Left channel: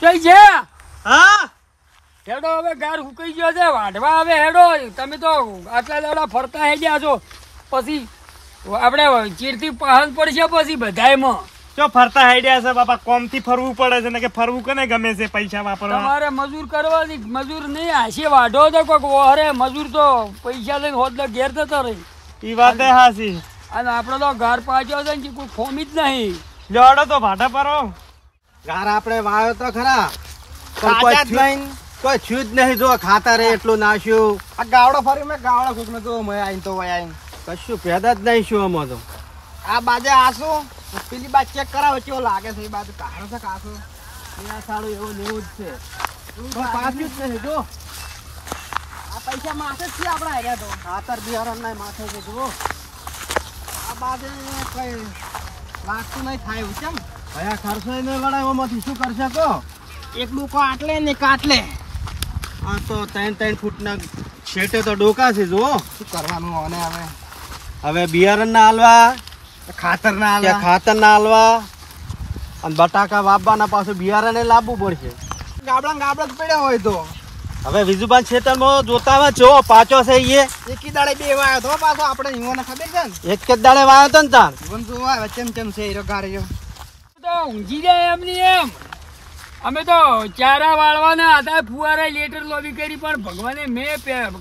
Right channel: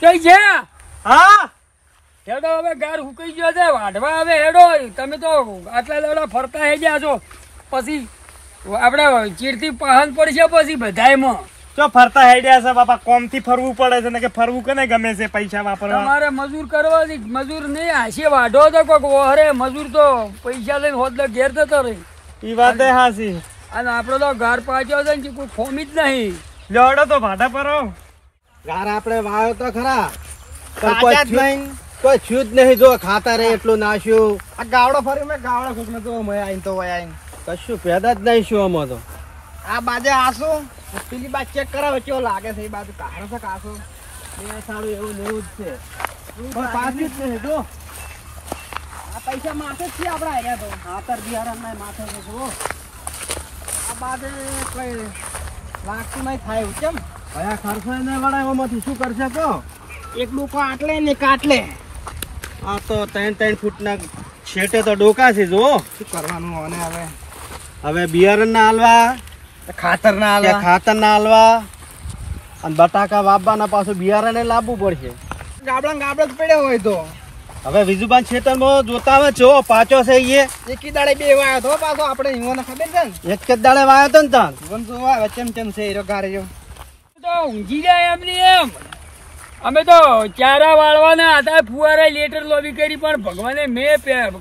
કઈ છે? હા હેડો હવે ગાર હુકાઈ ગયો છે, વાઢવા હવે હેડો. તમે તો આટલા દાડા ફરતા હે ગયા છો, પછી આપણે ચીડથી પહન પડશે પછી બધાયમાં. જો ફરતા હેડ્યા છે બાપા, કોમ થી ફરવું પડે છે ને કે ફરવું કોને ગમે છે પૈસા વાપરવા. તમારે મજૂર કરવાની, મજૂર નહીં હાશે વાઢો તો કોક ઓહરે મજૂર તો પૈસા લઈને હોદલો ઘેર જતો રહી. ઈ વાત એ હાસી. અને આપડે તો ઘર પાછો છે ને કોઈ ખોમી જ નહીં. લેવડો તો ભાડા પર ગાર આપણે વાવ્યો તો ખરા, પણ કોઈ થયું જ નહીં. જો ખાતર એટલું નાખ્યું, આ ગાવડો ફરી મેં ગાવડો ખુશ તો આવીને તો આવીને કશું પેદા જ નહીં. શું આમાં તો આ બાજે આસો પેલી બાજુ ચેક કરાવો કેવો લાગે છે. એ બાજુ કાઢો છે કાસો સારું એવું ને એવું જ છે, પાછું જ નહીં. જો આ પૈસા માથે જ છે આપડા આવ્યા તો ખાતર બિહાર ના માથે છે. જુઓ આ બાજુ કઈ લાગતું નહીં થાય કેમ ભયા ખર્ચો નહીં વળાય એમાંથી શું કરશે તો એક ડોકો આટલે ને કાટલે. આ તો 3-3 ફૂટના છેટે તો ડોકા છે. જો શું કરવાનું અને હવે બિયારણ ના હાલવા, ખાતર ના હાલવા અને બટાકા વાવવાના પાછું બિયારણ લાવવું પડશે. ગાબડા જ પડ્યા હોય તો હવે વિજુબાન ખેતરમાં જોતા છો પાછો છે. એકી દાડે બે વાયો તો પાછો આપણે ઈવોને ખબર છે ને, એક જ દાડે વાયો તો ને તાન ઈવન જોવા ચમ છે હીરો ગાર્યો તો ઊંઘી જાય એમની એમ. અમે તો ચારા વાળવાના હતા, ફુવારા લેટર લોબી કરી, પણ ભગવાને મેં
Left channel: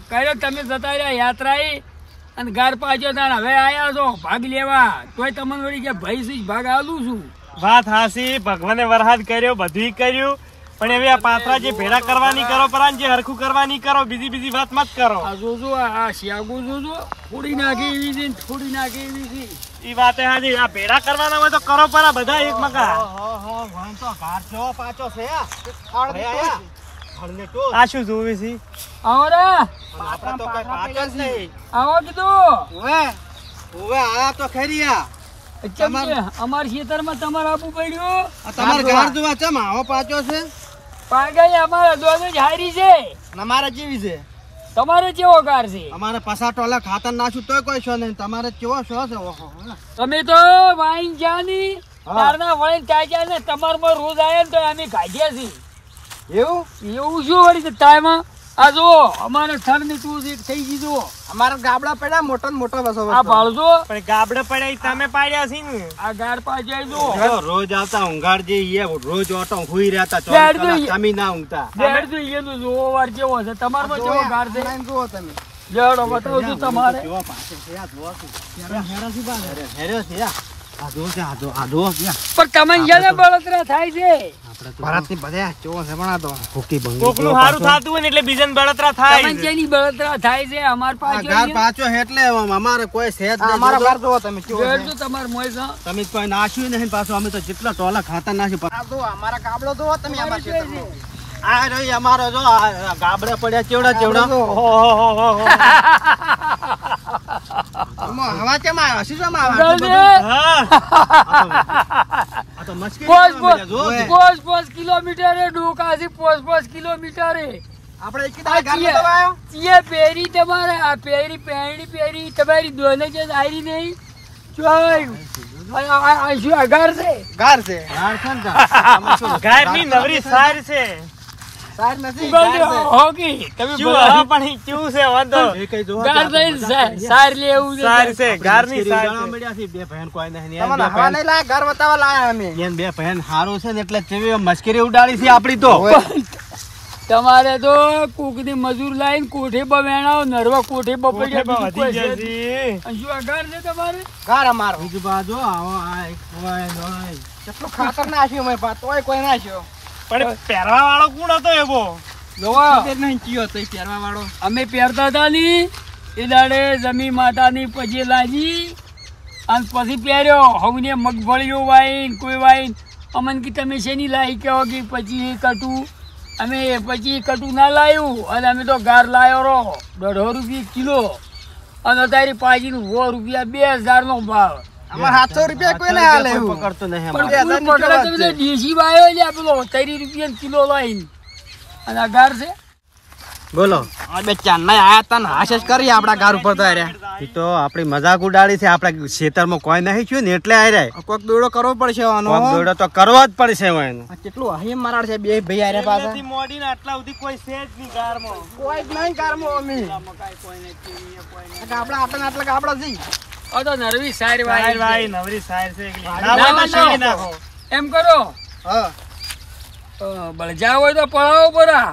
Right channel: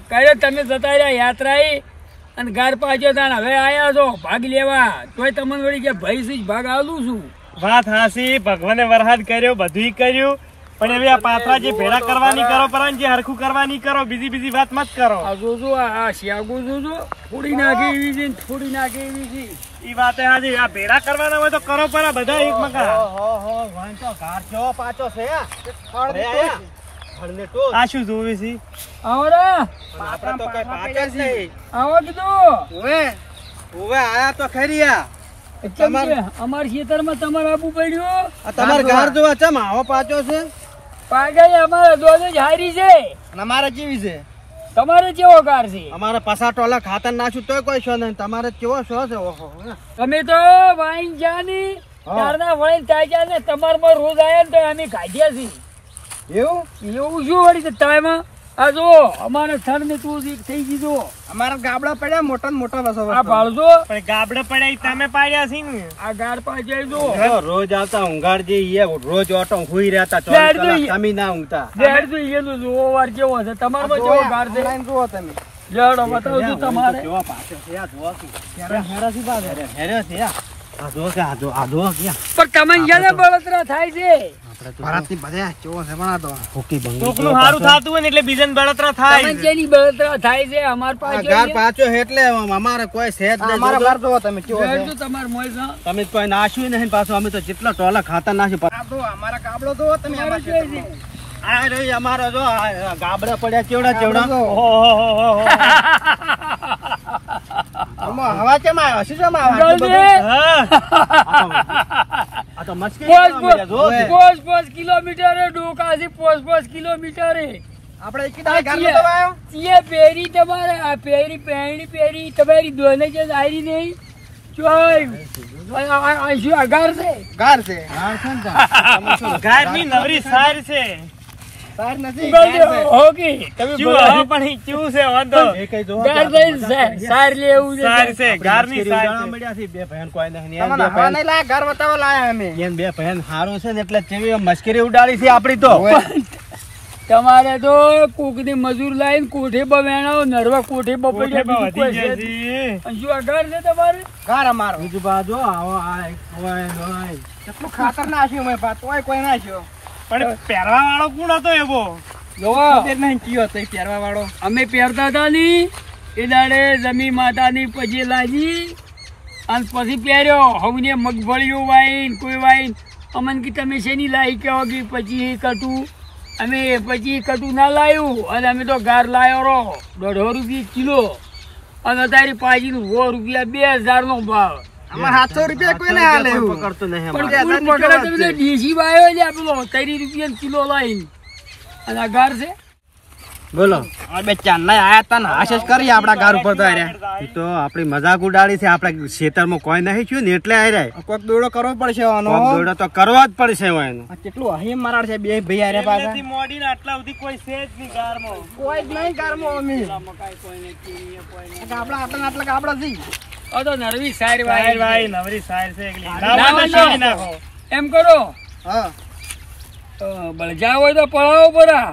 કર્યો. તમે જતા રહ્યા યાત્રાએ અને ગાર પાછો તાણ હવે આયા છો ભાગ લેવા, તોય તમને વળી કે ભાઈ શું ભાગ આલું છું. વાત હાસી. ભગવાને વરહાદ કર્યો, બધું કર્યું, પણ એવી આ પાથરા જે ભેડા કરવાની કરો પરાન, જે હરખું કરવાની કરો, બીજી વાત મત કરો. આ જોજો આ શિયાગુ જોજો થોડી નાખે એવી છે, થોડી નાખે એવી છે. ઈ વાત હાસી. આ ભેડા કરવાના હોય તો કરો પરા બધા એક મકા. તો ઘાટ જો પાછો છે આ શું જોવે છે? આવો રે, આપણે તો કઈ પાછો જ નહીં. આવો કીધું હવે આયા તો ખરી. અમારા ખેતરમાં તમારે આપવું પડ્યું. તમારે ઘર જોવા ચમ આવો પાછો છે. પાગઈ અમારા દોધ જ હારી છે. અમારે કેવી છે? તમારે કેવો કાર છે? અમારે પસા ટોલા ખાતર નાખ્યું તોય કોઈ શો નહીં. તમારે કેવો શો છે? ઓહો તમે તો વાઈન જાની તારના વાઈન તાજા ને તમારમાં રોજ આયા ને તો અમે કાઢ્યા છીએ. એવું શું વળી ટાઈમ આ જો અમારે થર ને તું થઈ ગયું. અમારે ગાબડા પડ્યા મોટા ને મોટા બસો. આ ભાળજો પણ ગાબડે પડ્યા તમે પાડ્યા છે ને. આ ગાડ પાછળ જો રોજ આવતા ઊંઘાડ જે રોજ ઓટો હુઈ રહેતા 24 કલાક તમે ના ઊંઘતા. બેડ તો એનું જોવો વાર કેવો છે તમારમાં કેવો ગાડ છે જુઓ તમે. લેડો બતાવો છું તમારે કેવો પાછો છે. આ જોવા શું હેરો છે. આ જો છે આ જો પણ તમને જેને બળતરા થાય છે. ભારતની બધા કેવો છે બનાતો હોકી બંગી કોકનું સારું થાતું હોય ને એટલે બીજાને બળતરા થાય. તમને જેની બળતરા થાય છે અમાર પાસે ઘર પાછો એટલે અમારે કોઈ સેજ નહીં. અમારો ઘર જોવો તમે કેવો છે. તમાર મોય તમે કોઈ નાખ્યું નહીં પાછું. અમે તો જેટલા ટોલા ખાતા નાખ્યું. આ તો અમારા ગાબડો જોવો તમે. આ રહી અમારો જો ગાબડે પડ્યા ચેવડા હવા કેમ આવ્યા? શું કેમ આવ્યા? આ તો મસ્કી 5 કિલોમીટર ડોકા છે. 5 કિલોમીટર આપણે એક દાડે ગાર નતો આવ્યો. ચીએ પેરી તમારે આ પેરી પેરી તમારી દોને જે આરી નહીં જોઈ આ શું અગાર છે. ગાર છે ગાયની નવરી સાર છે. સાર નથી હોકી તમે બોલો પણ ઈ કેવું છે વાંધો એ કઈ જો ગાર નહીં સાર લેવું સાર છે. ગારની સાર છે. મળ્યા છે. બે બહેન કોઈ નહીં. એમ બે બહેન નહીં લાયા, ઘર બતાવવા લાયા અમે. એમ બે બહેન હારું છે ને એટલે જેવી મસ્કરી ઉડાડી છે આપડી તો. તમારે તો કોકની મજૂર લાઈન કોઠે બવેણાવ નરવા કોઠે બપડ્યા શું અગાર છે તમારે? ઘર અમારો બીજું બાજુ આવો કેટલું ખાતર નાખ્યું મેં તોય કોઈ નાખ્યો. પણ પહેરવા વાળો કોણ હતો એવો? પહેરવા વાળો અમે પહેરતા હતા ની એ દાડે જમી માતાની પછી લાગી અને પછી પહેર્યો. હવે મગફળીઓ વાઈન કોઈ વાઈન અમન કે તમે શેની લાવી કહો કે પછી કટું અમે પછી કટું ના લાવ્યું અને અમે તો ગાર લાવ્યો રહો 150 રૂપિયા કિલો અને અત્યારે પાછી 100 રૂપિયા 2000 નો ભાવ. અમારે 700 રૂપિયા કોઈ ના હાલે પકડતો નહીં. પણ પકડે તો દેશી વાયો છે પેલો 30 રૂપિયા કિલો લાઈન અને આ ગાર છે. બોલો બે ચાંદના આયા તા ને હાશ જ કરી આપડા ઘર ઉપર તો આર્યા. ઈ તો આપણી મજાક ઉડાડી છે. આપણે ખેતરમાં કોઈ નહીં છું ને એટલે આર્યા. કોક દોડો કરવો પડશે આનો. કોક દોડો તો કરવો જ પડશે હવે એને. આ કેટલું અહીં મારાડ છે બે ભાઈ આર્યા પાછા. એમનેથી મોડીને આટલા સુધી કોઈ છે જ નહીં ગારમાં. કોઈ જ નહીં કારમાં અમે. મકાઈ કોઈને ચીરીએ કોઈને આપડા આટલા આપડા જી. આ તો નરવી સારી સાહેર વાય ભાઈ નવરી સાહેર છે એકલી. ના, ના હોય તો ના, શેરી ના. નાખો. એમ કરો હા બળજા હોય તો પડાવો પરા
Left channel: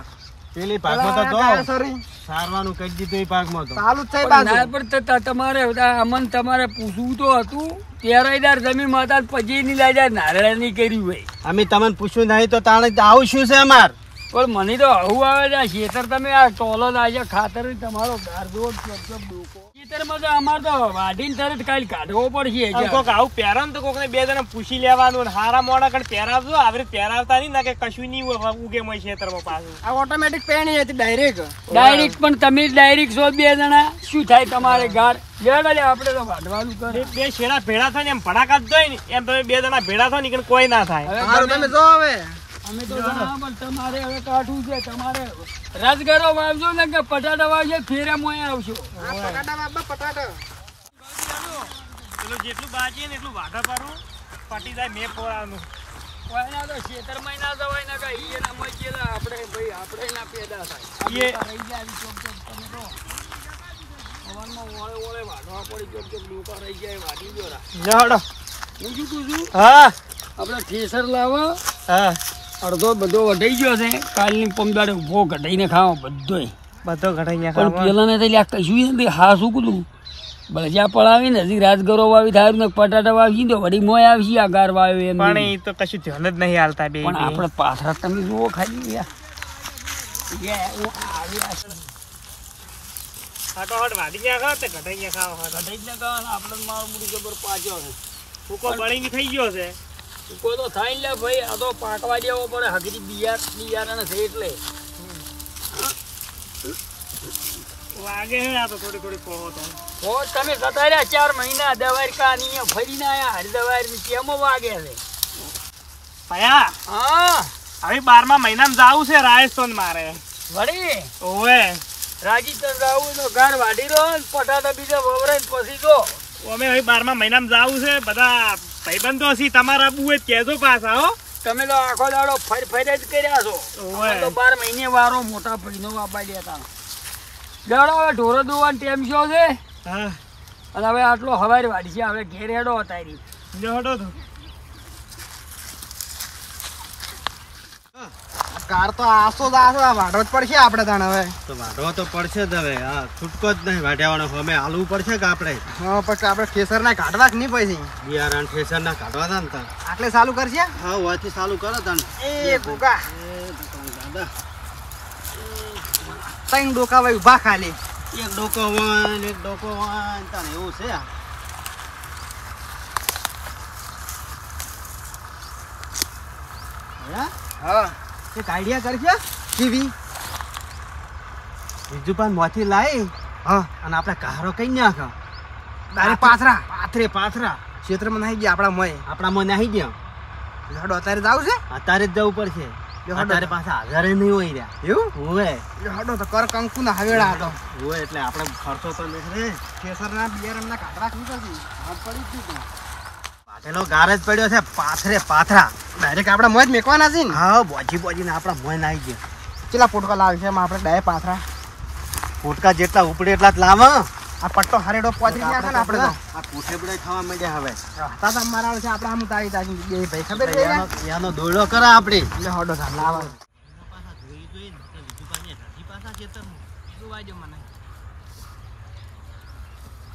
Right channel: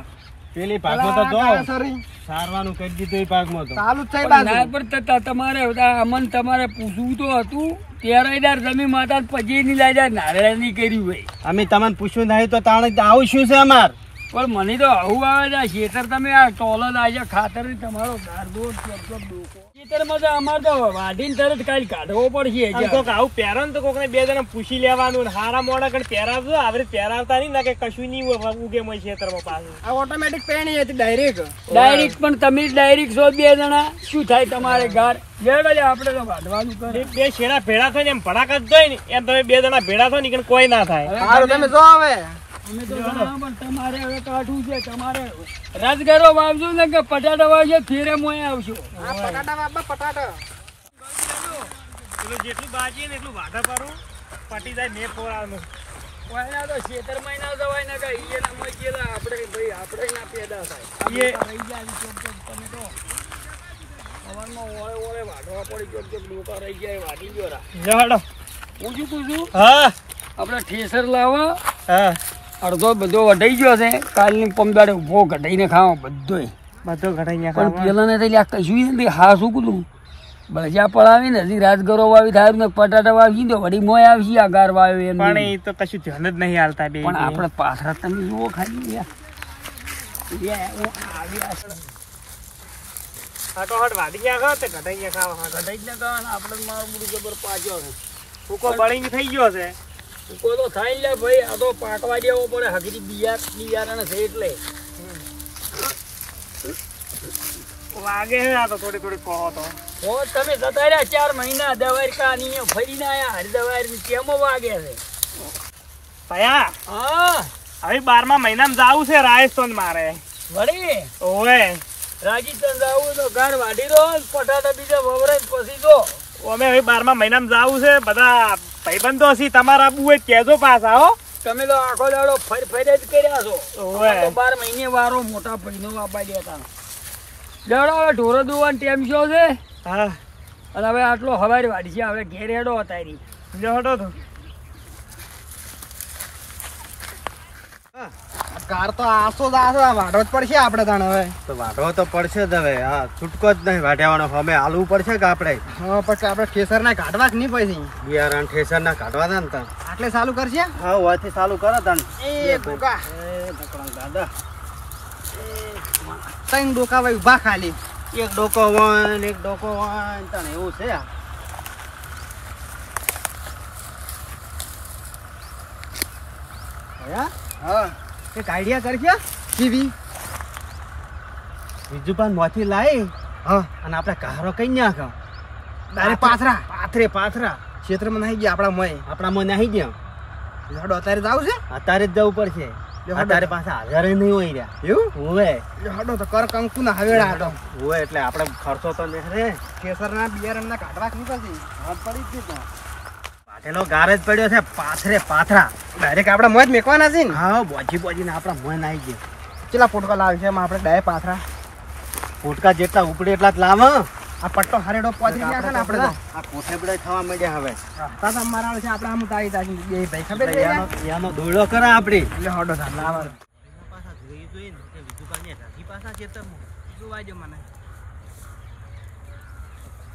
પેલી ભાગમાં તો કાકા જો સોરી સારવાનું કહી દીધું એ ભાગમાં તો. ચાલુ જ છે પણ ના બાજુ. પણ તમારે અમન તમારે પૂછવું તો હતું તેરાઈદાર જમી માતા પછી ની લાજા નારાયણ ની કર્યું હોય અમે તમને પૂછ્યું નહીં તો તાણે આવું શું છે અમાર? પણ મને તો આવું આવે છે આ ખેતર તમે આ ટોલો લાજા ખાતર ની તમારો બારદોડ ખેતરમાં તો અમારે તો વાઢીને તરત કાલ કાઢવો પડશે આમ કોક આવું પહેરો ને તો કોકને બે જણા પૂછી લેવાનું ને હારા મોડા કણ પહેરાવજો આવી પહેરાવતા નહીં ના કે કશું નહીં ઉગે મય ખેતરમાં પાછું. આ ઓટોમેટિક પેણી હતી ડાયરેક્ટ. ડાયરેક્ટ પણ તમે ડાયરેક્ટ છો બે જણા શું થાય તમારે ગાર લેડો લે આપણે તો વાઢવાનું કરે બે શેરા ભેળા થાય ને એમ ભડાકા જ જોઈ ને એમ તમે બે જણા ભેળા થાય ને કે કોઈ ના થાય. હવે હારું તમે- તમે જો હવે. અમે તો જણા પણ તમારે હવે કાઢવું છે તમારે રાજગરો વાવજો ને કે પટાટા વાવજો ફેરે મોય આવશો પટાટા બાબા પટાટા. પેલું જેટલું બાજી ને એટલું વાઢા પાડું પટી જાય મેં પોરાનું. કોઈના તો ખેતરમાં ના જવાય ને કઈ એના મોય ગયેલા આપણે ભાઈ આપણે ના પેદા થાય એ- આ રહી જાય ચોક ચોક તમે તો સવારમાં ઓળે ઓળે વાઢવા પડી ચોક ચોક ડોકા રહી જાય વાઢી ગયો રા લ્યો હું શું કહું છું હા આપણે ઠેસર લાવો હા અડધો બધો વઢાઈ ગયો છે કાલની પમદાડે ઉભો કઢાઈને ખાવો બધોય બધો ઘટાઈ પણ નાખો. પેલાને તો લ્યા કશું નથી હા શું કીધું બળજા પડાવીને હજી રાજગરો વાવી થાય ને પટાટા વાવી તો વળી મોય આવશે આ ગાર વાવ્યો એમ પણ એ તો કશું ધ્યાન જ નહીં હાલતા બે પણ આપણે પાછળ તમે જુઓ ખાલી ફટાફટ વાઢી નાખો તે ઘટાઈ નાખો. કઢાઈ જ ને કહો ને આપણે મારું બધું જબર પાછો છે ફૂકો બળીને થઈ ગયો છે. કોઈ તો થાય લે ભાઈ આ તો પાકવા દેવો પડે હકરી બિયારણ છે એટલે વાગે હે આ તો થોડી થોડી કહો તો. હો તમે જતા રહ્યા 4 મહિના દવારકા ની ફરીને આયા હરિદવાર કેમો વાગે છે ભયા હા હવે 12મા મહિનામાં જાવું છે રાજસ્થાન મારે. વળી ઓવે રાજસ્થાન જાવું તો ઘર વાઢી રહ્યો ને પટાટા બીજા વવરાઈને પછી જો અમે હવે 12મા મહિનામાં જાવું છે. બધા ભાઈબંધો છે તમારા આબુ હોય કહેજો પાછા હો. તમે તો આખો દાડો ફરી જ કર્યા છો ઓવે. અમે તો 12 મહિને વારો મોટા ભાઈનો વાપા દેતા દાડો હવે ઢોરો દોવાનો ટેમ શો છે હા અને હવે આટલો હવારી વાડી છે હવે ઘેર હેડો અતારી લ્યો હટો તો. કાર તો આસો જ આસો આ વાઢવો જ પડશે આપણે તાણ હવે. તો વાઢવો તો પડશે જ હવે. હા છૂટકો જ નહીં વાઢ્યાવાનો. અમે હાલવું પડશે કે આપણે હા પછી આપણે ખેસર ના કાઢવા કે નહીં પછી બિયારણ ઠેસર ના કાઢવાના ને તાણ. આટલે ચાલુ કરશે. હા વાથી ચાલુ કરો તાણ. એ ગોગા એ ઢકળાં દાદા. ત્રણ ડોકા ભાઈ ઉભા ખાલી. એક ડોકો વાન એક ડોકો વાન તાણ એવું છે આ. હા હા એક આઈડિયા કરશે ટીવી. બીજું પણ મોથી લાવી હા અને આપણે કારો કઈ નાખ. ડાયરેક્ટ પાથરા પાથરે પાથરા ક્ષેત્રમાં નાહી ગયા આપણા મોય. આપણામાં નાહી ગયા. હેડો અત્યારે જાવ છે અત્યારે જ જવું પડશે. અત્યારે પાછા હાજર નહીં હોય રહ્યા. એવું હોવે હેડો તો કર કંકુ ના હવેડા હતો. હોવે એટલે આપણે ખર્ચો તો નહીં રે. ખેસર ના બિયારણ ના કાઢવા કે નહીં પછી હાથ પડી જ નહીં. પાટેલો ગાર જ પડ્યો છે પાથરે પાથરા. ડાયરેક્ટ આપણે મોય જ મેકવાના છે ને. હા બોજી બોજીને આપણા મોય નાઈ ગયા. કેટલા પોટકા લાવે છે એમાં આપણે ડાયરેક્ટ પાથરા. ફૂટકા જેટલા ઉપડે એટલા જ લાવો. આ પટ્ટો હરેડો પહોંચી ગયા છે ને આપણે તો. આ કોઠે બડે ખાવા માંડ્યા હવે. તાતા મારા છે આપણે આમ તારી તારી બે ભાઈ ખબર છે યાનો યાનો દોડો કરે આપડી. એટલે હડો થા લાવા. પાછા જોઈ જોઈને બીજું પાછી રાજી પાછા ખેતરમાં જોવા જો મને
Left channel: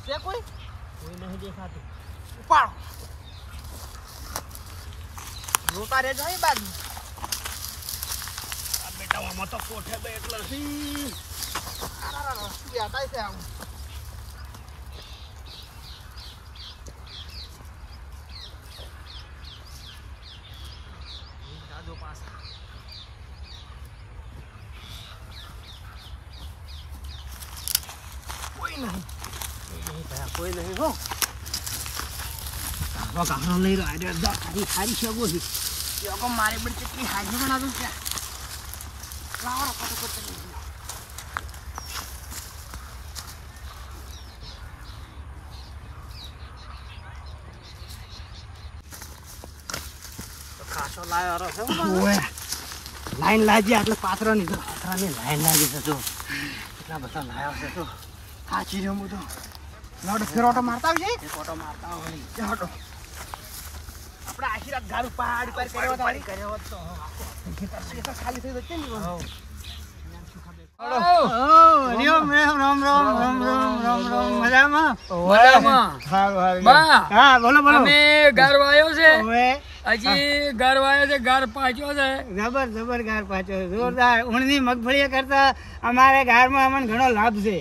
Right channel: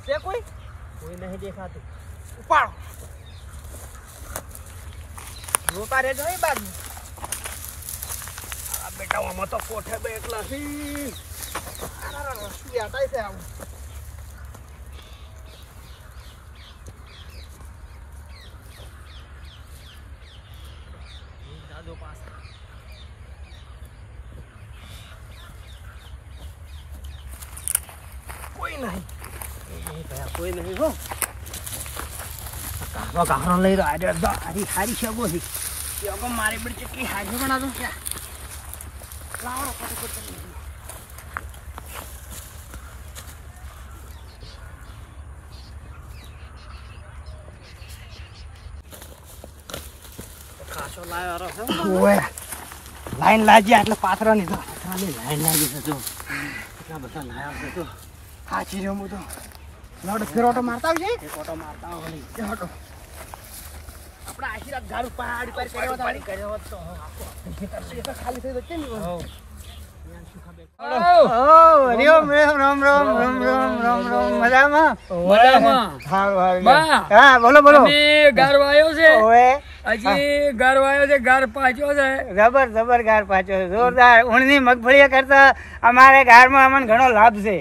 છે કોઈ કોઈ નહીં દેખાતું. ઉપાડો રોકા રે જોઈ બાજુ. આ બેટા આમાં તો કોઠે બે એટલા છે શું યાતાય છે આવું. જાજો પાછા. કોઈ નહીં. કોઈ નહીં હો. કારો કારો લઈ રહ્યો હારી હારી શગો છે યોગો મારી બડી ચટણી હાજી બનાવો ક્યાં લાવો ફટાફટ. ઓય લાઈન લાગી એટલે પાથરાની તો પાથરાની લાઈન લાગી છે તો કેટલા બધા લાયા છે તો હાચી રહ્યો હું તો લોડ ફેરોટો મારતા આવજે ફેરોટો મારતા આવ વળી હટો આપણા આશીર્વાદ ગારું પહાડ પર કર્યો તો ખાલી થઈ જશે ને હો રામ રામ રામ રામ રામ રામ રામ મજામાં બા, હા બોલો બોલો અમે ગારો આવ્યો છે ઓએ હજી ગારો આવ્યો છે ગાર પાછો છે જબર જબર ગાર પાછો છે જોરદાર ઊંડની મગફળી કરતા અમારે ગારમાં અમને ઘણો લાભ છે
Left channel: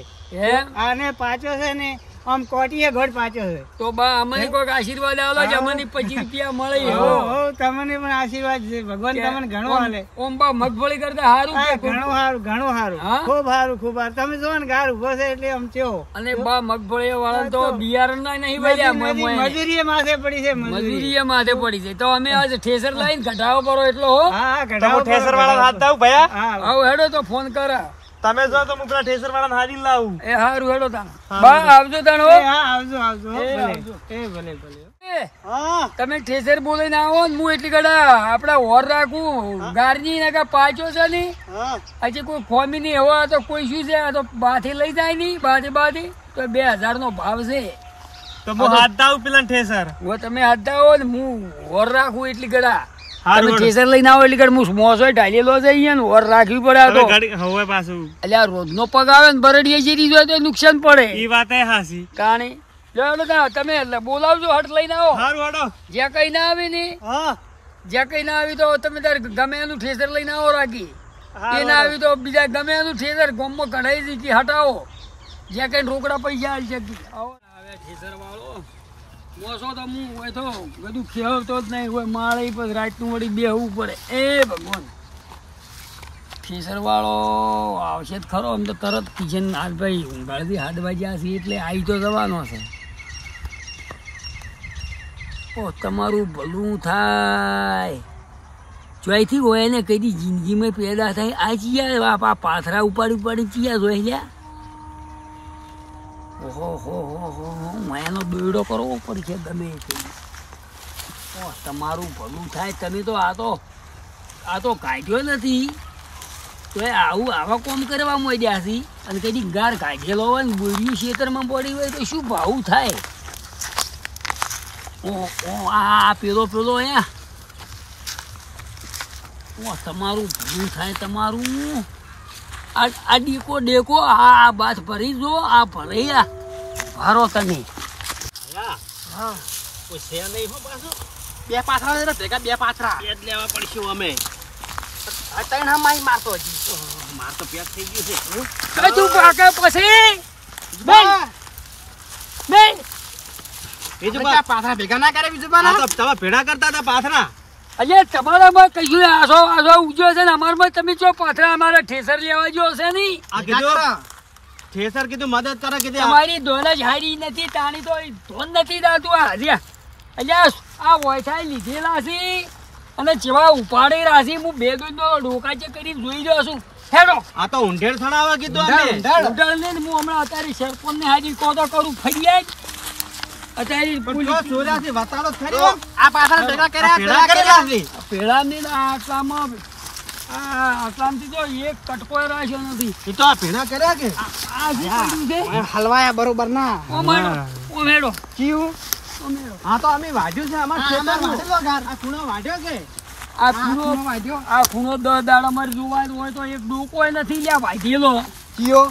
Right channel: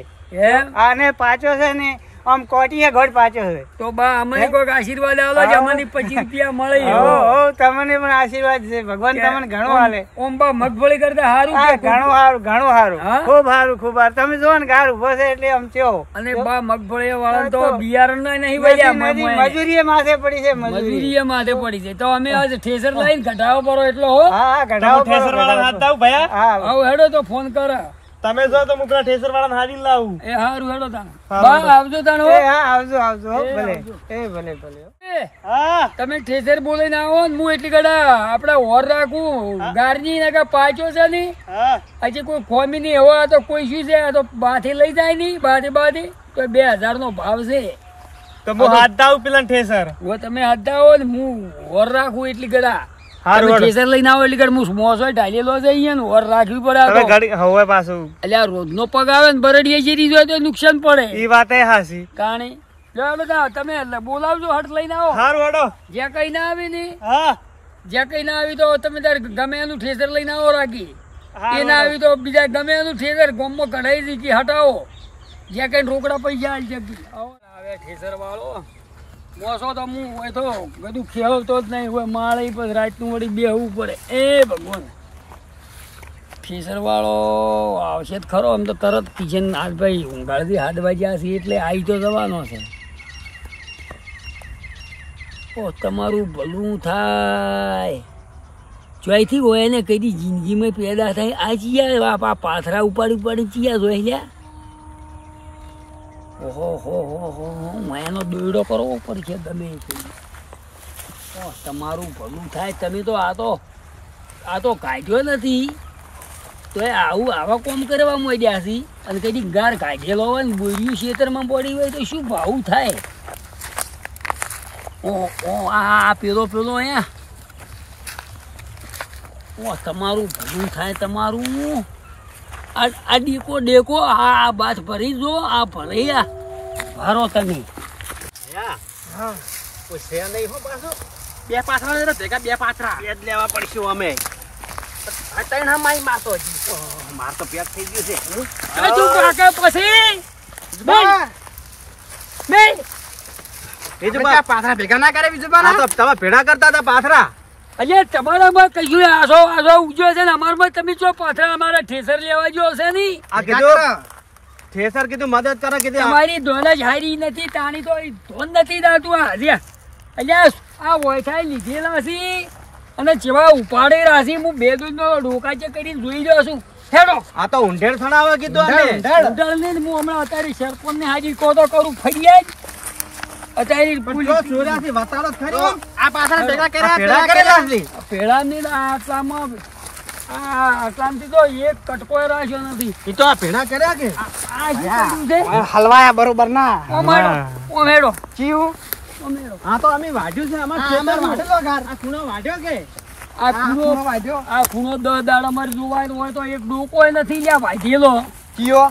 એમ આને પાછો છે ને આમ કોટીએ ઘોડ પાછો છે તો બા અમને કોઈક આશીર્વાદ આલો કે અમને 25 રૂપિયા મળે હો હો તમને પણ આશીર્વાદ છે ભગવાન તમને ઘણો હાલે ઓમ બા મગફળી કરતા સારું હા કે ઘણું સારું ઘણું સારું હા? ખૂબ સારું ખૂબ સારું તમે જો ને ગાર ઉભો છે એટલે આમ થયો અને બા મગફળી વાળા તો બિયારણ નહીં વળ્યા મજૂરી માથે પડી છે મજૂરી મજૂરી માથે પડી છે તો અમે આજે ઠેસર લઈને ઘટાડો પડો એટલો હો હા ઘટાડો ઠેસર વાળા હાથ દઉં ભયા હા આવ હેડો તો ફોન કર તમે જો તો હું પેલા ઠેસર વાળા હારી લાવું એ હારું હેડો તાણ હારું, બા આવજો તાણ હો એ હા આવજો આવજો હો, એ ભલે આવજો. એ ભલે ભલે એ, હા તમે ઠેસર બોલીને આવો ને હું એટલી ગડા આપડા ઓર રાખું ગારની ને પાછો છે ની હા હજી કોઈ ખોમી નહીં એવો આ તો કોઈ શું છે આ તો બાથી લઈ જાય નહીં બાથી તો 2000 નો ભાવ છે તો હું હાથ દઉં પેલા ઠેસર હવે તમે હાથ આવો ને હું ઓર રાખું એટલી ગડા હારું, તમે હારું. ઠેસર લઈને આવો એટલી ગડા હું મોસો ઢાલેલો છે અહીંયા ને ઓર રાખવી પડે આ હવે તો. ગાડી હવે પાછું એટલે આ રોજનો પગ આવે ને બરડીએ જેરી જોઈએ તો નુકસાન પડે ઈ વાત એ હાસી તાણી તમે એટલે બોલાવજો હટ લઈને આવો હારું હેડો જ્યાં કઈ ના આવે ને હા જ્યાં કઈ ના આવી તો તમે તારે ગમે એનું ઠેસર લઈને આવો રાખી એ ના આવી તો બીજા ગમે એનું ઠેસર ગોમમાં કઢાઈ દીધી હટાવો જ્યાં કઈ રોકડા પૈસા આવી શકી આવો આવે ઠેસર વાળો મોસો તો હું હોય તો બધું ખેવતો જ નહીં હોય માળે પછી રાતનું વળી બેહવું પડે એ ભગવાન ઠેસર વાળો આવશે જ ખરો આમ તો તરત કિચન હાથ ભાઈ ઊંઘાડથી હાથ વાગ્યા છે એટલે આવી તો જવાનો છે ઓ તમારું ભલું થાય જોઈથી હોય ને કઈ જિંદગીમાં પેદા થાય આ ચિયા આ પાથરા ઉપાડી ચિયા જોઈ લ્યા ઓહો હો એનો દોયડો કરવો પડશે ગમે તે ઓ તમારું ભલું થાય તમે તો આ તો કાઢ્યો નથી તો એ આવા કોમ કરવા માંડ્યા છે અને કઈ ગાર કાઢેલો હોય ને બોર્યું ખેતરમાં પડી હોય તો શું ભાવું થાય ઓ આ પેલો અહીંયા ઓ તમારું ભલું થાય તમારું આ ડેકો આ બાથ ભરી જો આ ભરી આ ભરો તમે હા છે નહીં હો પાછો બે પાથરા છે ભેગા બે પાથરા પેટ લેવા પડશે અમે આ ત્રણ હા માઈ મારતો હજી માર તો પેટ થઈ ગયું છે હજુ પાકે પછી બા બીજું આપણે ક્યાં પાથરા ભેગા ના કરે બીજું બા આ તો તમે ભેડા કરતા હતા પાથરા અહીંયા તમારામાં કશું આસો ઉજ્યો છે ને અમારામાં તમે જો પાથરા અમારા ઠેસર લેવા જો હશે નહીં આ કીધું ઠેસર કીધું મદદ કરે કીધું તમારી ધોન જ હારી નથી તાણી તો ધોન નથી દાતું આ હાજ્યા અહીંયા આ વોયથાઈ લીધેલા છે અને જેવા ઉપાડે રાશી હું બે દૂધ નો ડોકાચે કરીને જોઈ રહ્યો છું હેડો આ તો ઊંઢેર થણાવા કીધું અમે ઉડાડને ને હું હમણાં અત્યારે સરપંચ ને હાજર કહો તો કરું ફરિયાદ અત્યારે જો ચોર્યાસી વતાડો ખરી આ પાથરા ભેગા આ ભેડા કરેલા છે પેલા ને આટલામાં આટલામાંથી તો એક કટકો રાખ્યો નથી એ તો આ ભેડા કર્યા કે આ શું કર્યું છે હલવાયા બરોબર ના ઓ મેડો જીવ હા તો અમે વાઢ્યું છે આમાં ખેતરમાં વાઢેલો ગાર આ ખૂણો વાઢ્યો કે આ ખૂણો વાંધ્યો આ ખૂણો 10 દાડા મારે જોવાનો હોય તો એક ડોકો નથી લ્યા વાઢેલો જીઓ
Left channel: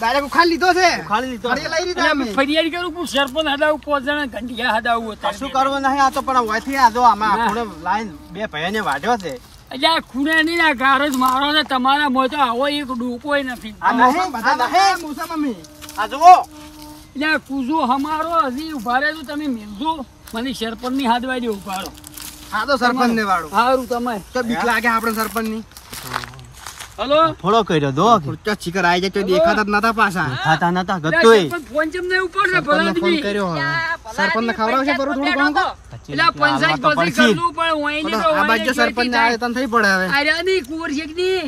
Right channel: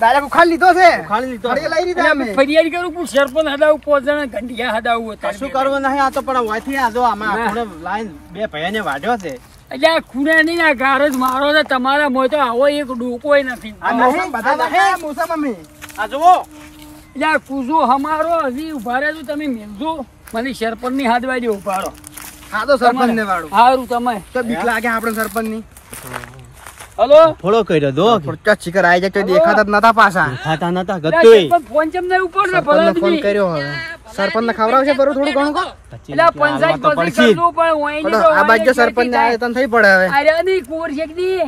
દાદા બુખાર લીધો છે ખાલી લીધો ફરી લઈ લીધા એટલે અમે ફરિયાદ કરું પણ સરપંચ હદાવું 5 જણા ઘંટિયા હદાવું હતા શું કરવું નહીં આ તો પણ વાયથી આ જો અમે આ ખૂણે લાઈન બે ભાઈને વાઢ્યો છે એટલે આ ખૂણે નહીં આ ગાર જ મારો છે તમારા મોય તો આવો એક ડોકોય નથી આ નહીં બધા નહીં મુસા મમ્મી આ જુઓ એટલે આ કૂઝો હમારો હજી ઉભા રહેજો તમે મેલજો મને સરપંચ ની હાથ વાળી ઉભારો હા તો સરપંચ ને વાળું સારું તમે તો બીક લાગે આપણે સરપંચ ની હલો થોડો કર્યો દો ખુરચા ચીકર આવી જાય તો દેખાતા જ નતા પાછા ખાતા નતા ગત્તુય ફોન ચમ નહીં ઉપર ને સરપંચ ને ફોન કર્યો હવે સરપંચ ને ખવડાવશે બરું થોડું ઘણું કો એટલે આ પંચાયત તો પાસે પડશે જ. કરવું પણ હોય નહીં તો આ બાજુ સરપંચ ને આવે તને થઈ પડે હવે અરે ની કુંવર શેકની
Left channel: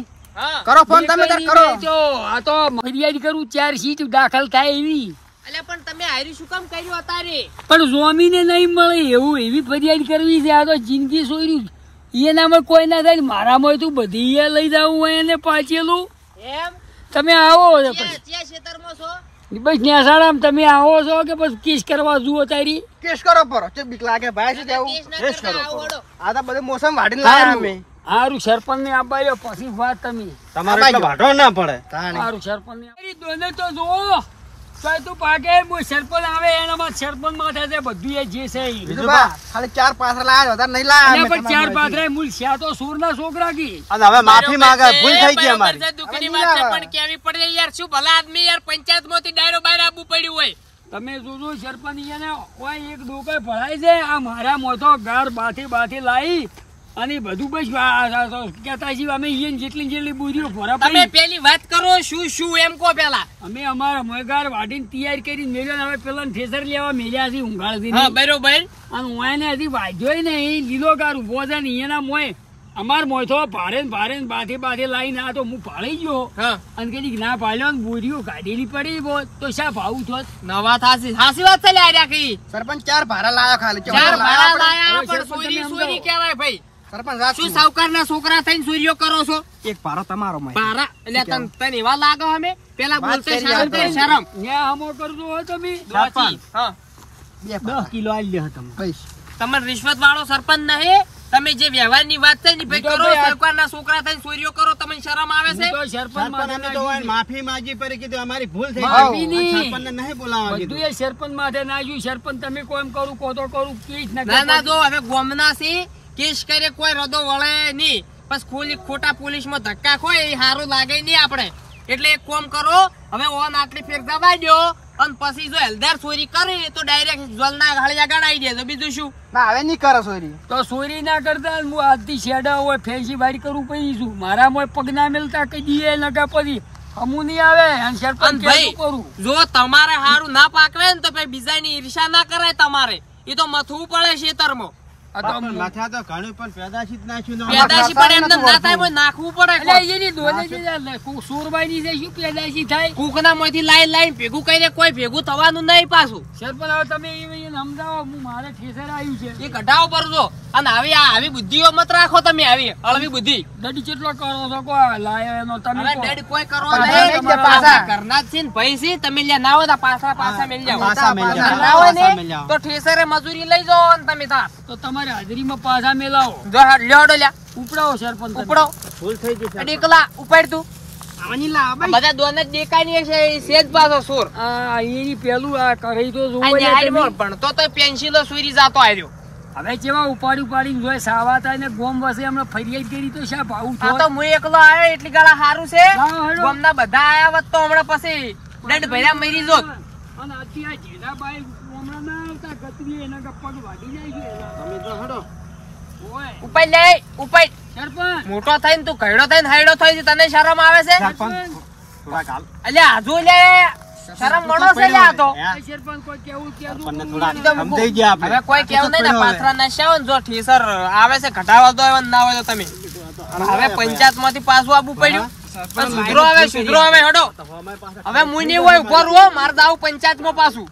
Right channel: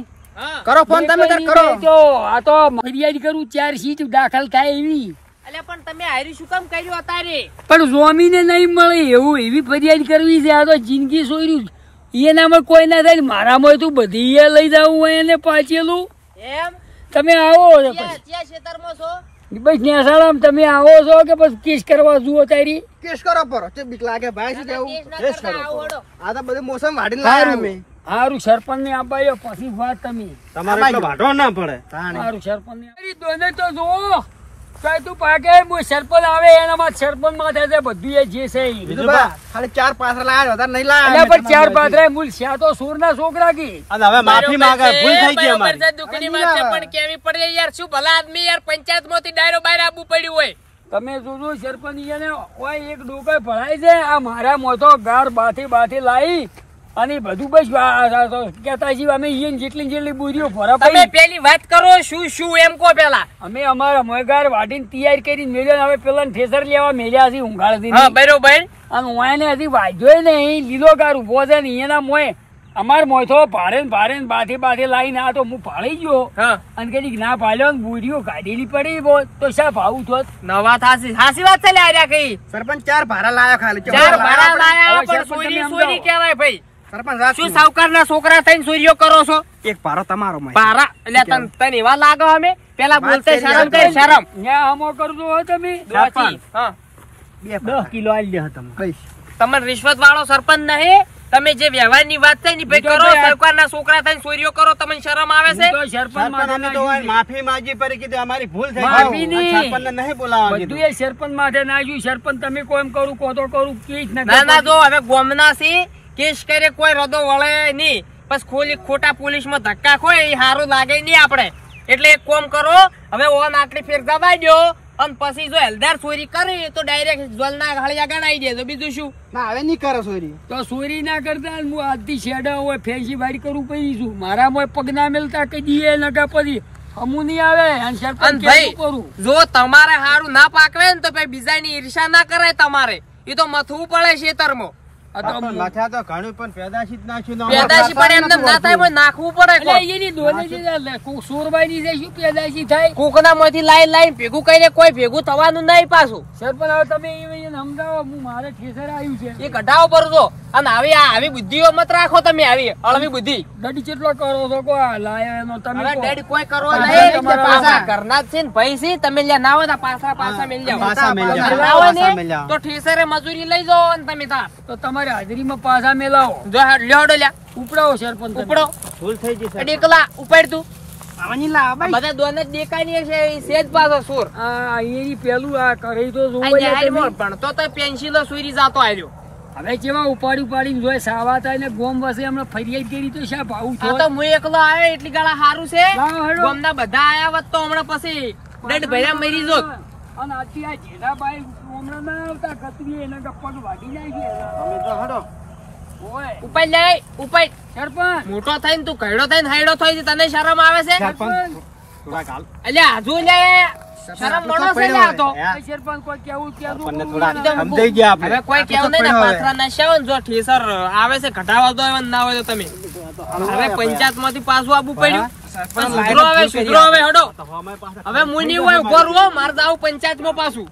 કરો ફોન તમે તાર કરો તો આ તો ફરિયાદ કરું 4 સીટ દાખલ થાય એવી પણ જોમીને નહીં મળે એવું એવી ફરિયાદ કરવી છે આ તો જિંદગી સોયર્યું એનામાં કોઈ ના થાય મારામાં તું બધી એ લઈ જવું હોય એને પાછેલું એમ તમે આવો પછી ક્યાં ખેતરમાં છો બસ નેસાડામાં તમે આવો છો કે બસ કેસ કરવા જુઓ તારી કેસ કરો પરો તે બીક લાગે ભાઈ શું કેવું કેસ કરો પરો આ તો બધી મોસમ વાડીને સારું લાયા અમે સારું સરપંચ ને આબાયો પછી વાત તમે તમારે એટલો વાઢો ના પડે સારું સરપંચ ને દોને તો જુઓ ચાલ તું પાકે હું સરપંચ આવે એનામાં સરપંચ માં થાય બધું એ જે છે ઈ. બીજું બા ખાલી 4 પાથરા લાયા વધારે નહીં લાયા એટલે પણ ચાર પાથરા મૂલ છે તો સુર ના છોકરા કી અને હવે માફી માંગે ભૂલ થઈ ગઈ અમારી દુઃખની વાત છે પણ કેવી પડે યાર શું ભલા આદમી યાર પંચાયત માંથી ડાયરો બહાર આવવું પડ્યું હોય તમે જોજો સરપંચ એને ઓય એક ડોકાઈ ભરાય છે આ મારા મોટો ગાર બાથી લાવી અને બધું બસ કેતા છીએ અમે ઈયન જેટલી બુરીઓ ભરા તમે પેલી વાત કરો શું એમ કહો પેલા અમે અમારા મોગાર વાડીને તૈયાર કરીને મેલ્યો ને હવે પેલા ઠેસર લેવા મેલ્યા છે ઊંઘાડથી હા બરોબર અને ઓયાને હજી વાજ્યોય નહીં લીલો ગાર ઉભો છે ને એના મોય અમાર મોથો ભારે બાથી લાવીને આ તો હું ભાળી ગયો હા અને કદી ના ભાલ્યો ને બુરીઓ કાઢેલી પડી બો તો શા ભાવું થોત નવા થાસી હાસી વાત છે લે આર્યા કઈ સરપંચ 4 ભારા લાયા ખાલી 4 ભાડા લાયા હવે પણ સરપંચ સોરી કહેવાય ભાઈ સરપંચ રાત શું સાવકારના છોકરા થઈને ચોરીઓ કરો છો એક ભારો તમારો માં પારા એટલે તને એવા લાગો અમે પેલા બોલતે શરમ કરી શરમ ન્યા હમો કરજો હો તમે દોચી હા 10 કિલો આલી દે તમે બસ તમને રિશ્વત વાળો સરપંચ નહીં તમે જે વ્યવહારની વાત છે ને ભાઈ કરો સરકારના છોકરા થઈને ચોરીઓ કરો તમને શરમ આવે છે તો સરપંચ સરપંચ તો માફી માંગી પડી કીધું અમારી ભૂલ થઈ માફી ગઈ નહીં. સરપંચને નહીં બોલાવવા બધું કીધું એ સરપંચ માથે નાખ્યું સરપંચ તમે કોમ કરું કોતો કરું કે જ ના ના જો હવે ગોમના છે કેસ કરે કોઈ રદો વળે નહીં બસ ખોટા પોલીસમાં ધક્કા ખોય એ સારું લાગે નહીં આપણે એટલે એક કોમ કરો હવે ઓન આટલી ફેર જવા દો અને પછી જો હલદાર ચોરી કરી તો ડાયરેક્ટ જલના હળિયા ગણાઈ દેજો બીજું શું ના હવે નહીં કરો સોરી તો ચોરી ના કરતા હું આજથી શેડા હોય ફેન્સી વાડી કરું પડી છું મારા મોય પગ ના મેલતા કઈ દીએ નકા પછી અમુ નહીં આવે અને અને સરપંચ ભાઈ કેવું કરું જો તમારે સારું ના પાકવે ને તો ભાઈ બીજાની ઈર્ષા ના કરાય તમારે એ તો મથવું પડે ખેતરમાં આ તો પણ માથા તો ઘણું પણ પેદાશી જ નાખ્યું ને પેદાશી પણ એમને ના થાય પણ નાખવું પડે એટલે કોક. એની દોને જે સોરબાઈ ની શું પેદાશી થાય કોકના માંથી લાઈન ભેગું કરીને કોઈ ભેગું થવાનું નહીં પાછું સરપંચ હવે તમે એને સમજાવો હું મારે ઠેસર આવ્યું છે એ કઢાવો પડજો અને આવી બુદ્ધિઓ મત રાખો તમે આવી અળવી બુદ્ધિ દડી કેટલો કરો છો કો લાયા એનો તમે હવે કહો. ડેડ કોઈ કરો પાછા નહીં તમારા પાછા ઘરના જ છે ને ભાઈ છે તમે લ્યા ના હોય તો પાછા મેલ જાઓ પાછા મેલ જાઓ. ના હોય ને પાછા મેલ જાઓ. તો ઠેસરે મજૂરી લઈ જાઓ અને તમે તાર તો તમારે હાજરીમાં પાછા મેલાવો જો લ્યોડો લ્યા ઉપડાવો સરપંચ તમે. ઉપડો ભૂલ થઈ ગઈ છે ડેકલા ઉપાડ તું આવવાની લા ભાઈ બધા દોને જ દેખાની છે એ સેજ પાછો સુર આ એની પેલું આ કરી તો જોવો આ યાર તમે. ન્યાયમાં ભણતો તો પેન્સિલો સુરી જાતો આવ્યો હવે જેવા ઉપાડીને જોઈ સાવા થાય ને ગોમ વસે હમણાં ફરિયાદ કરી તો શા ભાવું આ તો હું એકલો આવ્યો એટલી ગાળા સારું છે લાવો હેડો. ગામના બધા આયા હોત તો હમણાં પછી ડેડ ભર્યા મરી જોત અને આજથી આ જેઠાભાઈ હમણાં ના આવતા ગતરી એના કે પગ વાગી જાય છે એના. તમે તો હડો ઓય ઉપાડ લે ઉપાડ સરપંચ મોટો થઈને તું ઘરડો થઈને હાયડો થઈ તને શરમ આવે છે સરપંચ થોડા કાલ અલ્યા હજુ લે શરમ મળો છે લ્યા આ તો આ સરપંચ કોઈ કેવું ત્યાં આપણને તો થોડા ઈ તો સમજાઈ ગયા આપણે હવે કોઈ કેવું નહીં ને પાથરા ના શાવ ને જો ઠેસર આવે છે ઘટાવા દો એવા ના હોય તો તમે હવે પંચાયત માંથી પાછું આવવું પડ્યું સુધરો હવે હડો હવે મુઈ નહીં હોય ઉભો રહો મારે જાવ પંચાયત માં પાછું